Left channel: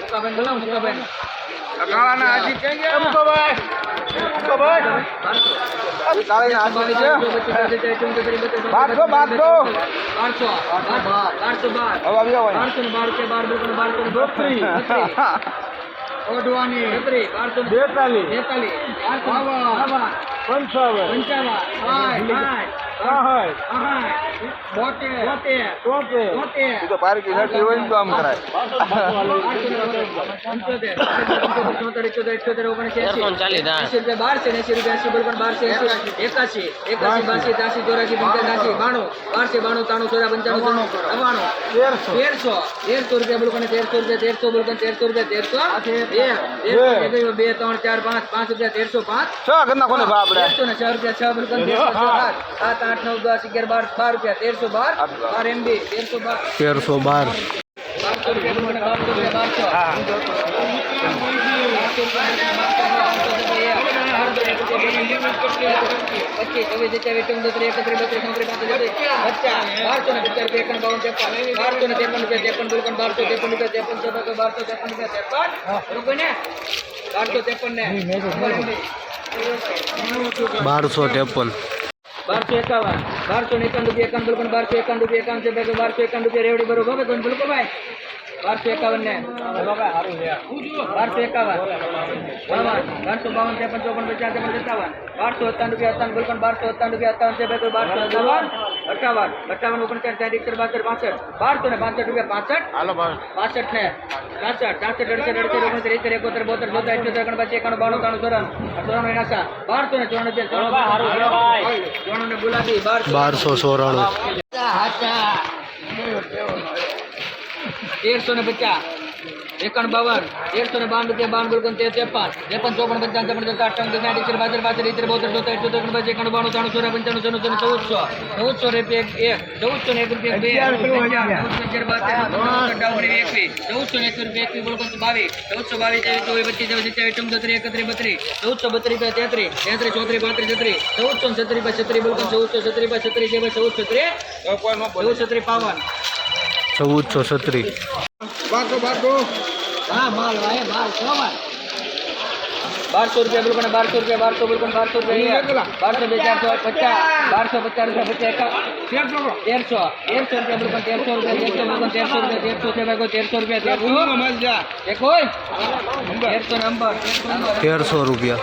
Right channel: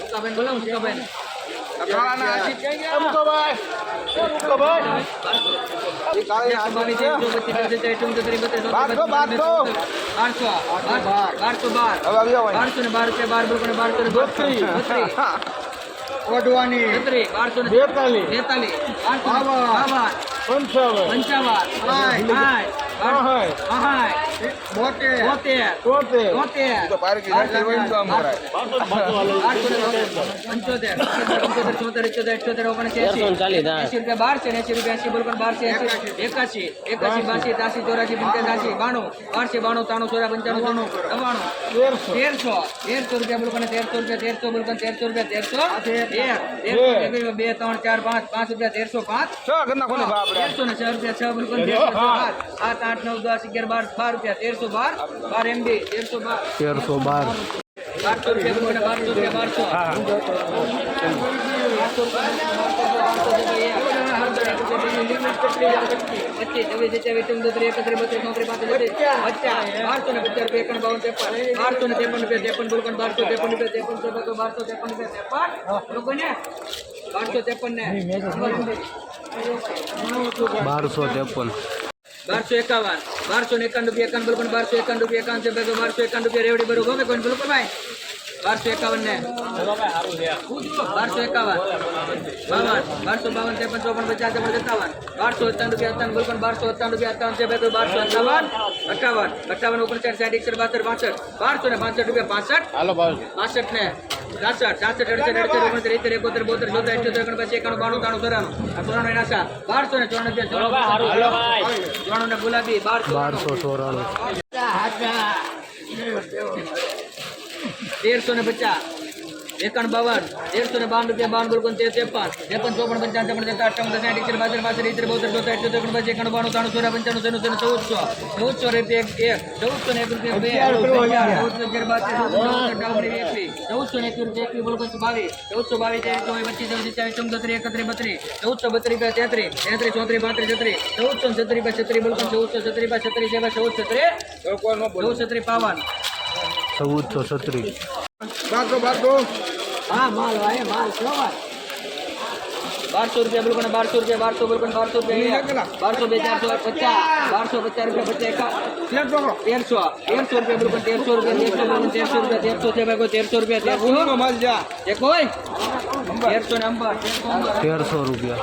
મુકાબેન બોલો મુકાબેન બોલો બારસો ને બત્રીસ. ઓઢવાની બત્રીસ બારસો બેતાલીસ પંચાવન પંચાવન એકાશી એકાશી બાસી ત્યાસી ચોરાસી પંચ્યાસી બાણું બારસી બાણું ત્રાણું ચોરા પંચાણું નવ્વાણું તેરસો તેરસો રૂપિયા બોલકણ તેરસો રૂપિયા તેરસો બોલકણ તેરસો રૂપિયા તેરસો બે બે ત્રણ ચાર પાંચ. પાંચ રૂપિયા તેરસો પાંચ છ ઘરના કોને ભાવ તેરસો ને છ રૂપિયા છ બિલકુલ તેરસો સાત. આઠ નવ દસ અગિયાર બાર બાર રૂપિયા તેરસો બાર બાર એમબી તેરસો બાર. તેરસો બાર. બારસો રૂપિયા બારસો રૂપિયા બારસો. પચીસ છવ્વીસ સત્યાવીસ ચૌદ ત્રીસ એકત્રીસ બત્રીસ ચોત્રીસ પાંત્રીસ બારસો ને પચાસ રૂપિયા એકાવન ત્રેપન બારસો ને ત્રેપન રૂપિયા ત્રેપન બિલકુલ બારસો ત્રેપન રૂપિયા ત્રેપન ચોપન બારસો ત્રેપન રૂપિયા ત્રેપન. બરોબર ને? બારસો ત્રેપન ને. બારસો ત્રેપન. બારસો એકાવન. બારસો ને એકાવન રૂપિયા એકાવન બોલો બારસો એકાવન રૂપિયા એકાવન છે બારસો એકાવન રૂપિયા રેવડી બરોબર. ગમે કોઈ બોલો ભાઈ? બારસો એકાવન ને. બારસો એકાવન. બાવન. બારસો બાવન ત્રેપન ચોપન પચાસ ત્રેપન સત્તાવન. બારસો સત્તાવન રૂપિયા સત્તાવન બોલકણ બારસો સત્તાવન રૂપિયા સત્તાવન છે ભાઈ બારસો સત્તાવન અઠાવન અઠાવન ઓગણચાલીસ સાઠ એકસઠ બાસઠ પાસઠ. બારસો ને પાસઠ રૂપિયા પાસઠ. પાસઠ ને. છાસઠ છાસઠ અડસઠ અડસઠ ઓગણત્રીસ એકોતેર બોતેર ચોતેર અઠ્યોતેર ઓગણપચાસ એકાણું બાણું ત્રાણું ચોરાણું. આ ચોરાણું એના સા બારસો ને ચોરાણું ચોરાણું ને ગુલાબી બારસો. બારસો ચોરાણું. તેરસો ને પચાસ. એકાવન બાવન તેરસો ને બાવન રૂપિયા બાવન બિલકુલ તેર ત્રેપન ત્રેપન ચોપન પંચાવન ત્રેપન તેર અઠાવન સાઠ એકસઠ બાસઠ બાસઠ ઇતર બોતેર ચોતેર અઠ્યોતેર ઓગણપચાસ એકાણ બાણું ત્રાણું ચોરા પંચાણું છન્નું છન્નું ચૌદસો ચૌદસો રૂપિયા એક ચૌદસો ને એક રૂપિયા બે એકવીસ ચૌદસો ને એક રૂપિયા એકવીસ બોલો બાવીસ ચૌદસો બાવીસ ત્રેવીસ ચોવીસ પચીસ છવ્વીસ સત્યાવીસ ચૌદત્રીસ એકત્રીસ બત્રીસ ચૌદસો બત્રીસ રૂપિયા તેત્રીસ તેત્રીસ ચોત્રીસ પાંત્રીસ છત્રીસ ચૌદસો ને છત્રીસ બાય છત્રીસ બોલો ચૌદસો છત્રીસ બાય છત્રીસ છે ચૌદ છત્રીસ ચૌદ છત્રીસ પાવન ચૌદસો છત્રીસ. બારસો બારસો હા માલ આયે માલ સોમાલ બારસો રૂપિયા બિલકુલ બારસો રૂપિયા બારસો બિલકુલ બારસો રૂપિયા બારસો બે ચારસો પચાસ બારસો પચાસ રૂપિયા પચાસ એકા તેરસો તેરસો રૂપિયા બિલકુલ તેરસો રૂપિયા તેરસો બિલકુલ તેરસો રૂપિયા તેરસો છે ભાઈ કોઈ તેરસો રૂપિયા તેરસો નંબર. તેરસો રૂપિયા.